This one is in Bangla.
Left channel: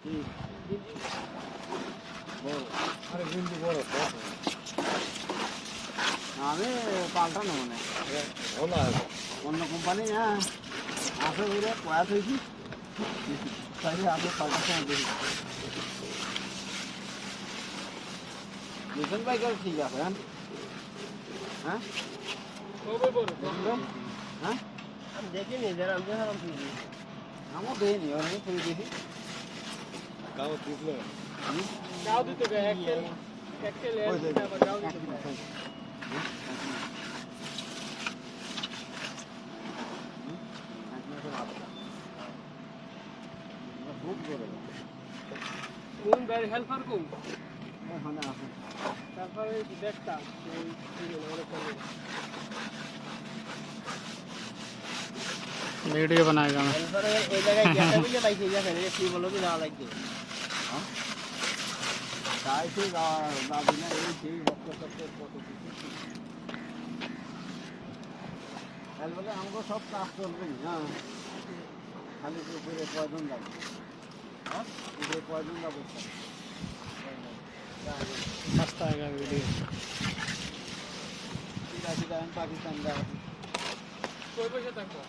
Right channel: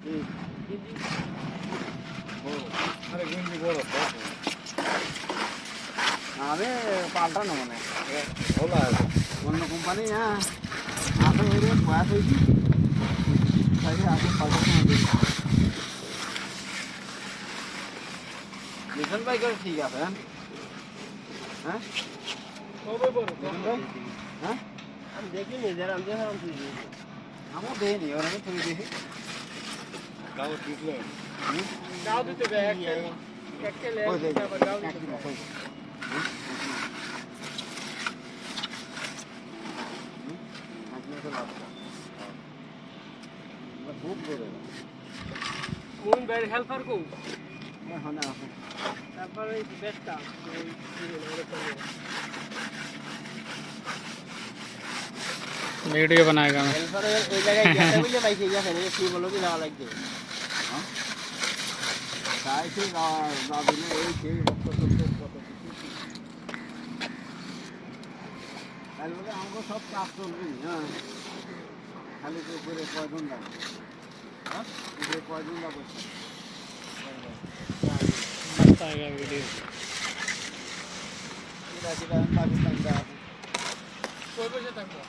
আরে গেঞ্জি বড় তো আমি পাল্টানো মানে ভালো আছে অন্য কোম্পানি হ্যাঁ আসে ওই রে বয়াস হয়েছি তাই আসে পাল্টাতে হবে মিশন বাইকের ঠিক আছে হ্যাঁ কবে বড় হ্যাঁ আমি দেখিনি যারা আমি যখন তুই আমার দেয়নি ওর আমি তুই দেখি গাও দিছিল গাও দিতে বে একটা লে আবার গাও দিতে খুব করে কোন বাইরে হেল্পার কোন এখন আসে তারপরে ওই ব্যাগটা ওই वीडियो बनाएगा मैं হেল্পার ওই জায়গায় গেছে বুঝে বাইকে গেছে না কি বলো কি যাওয়া লাগবে তাই সে যাবি না এই সেই ভক্ত করতে কত কিছু তাই বলে আমাকে সব কাজ চলবে হ্যাঁ খালি তো উপরে কয়জন লাগবে হ্যাঁ উপরে কয়জন যাবো मस्त आएगा वीडियो পাকিস্তান কই বসে থাকবো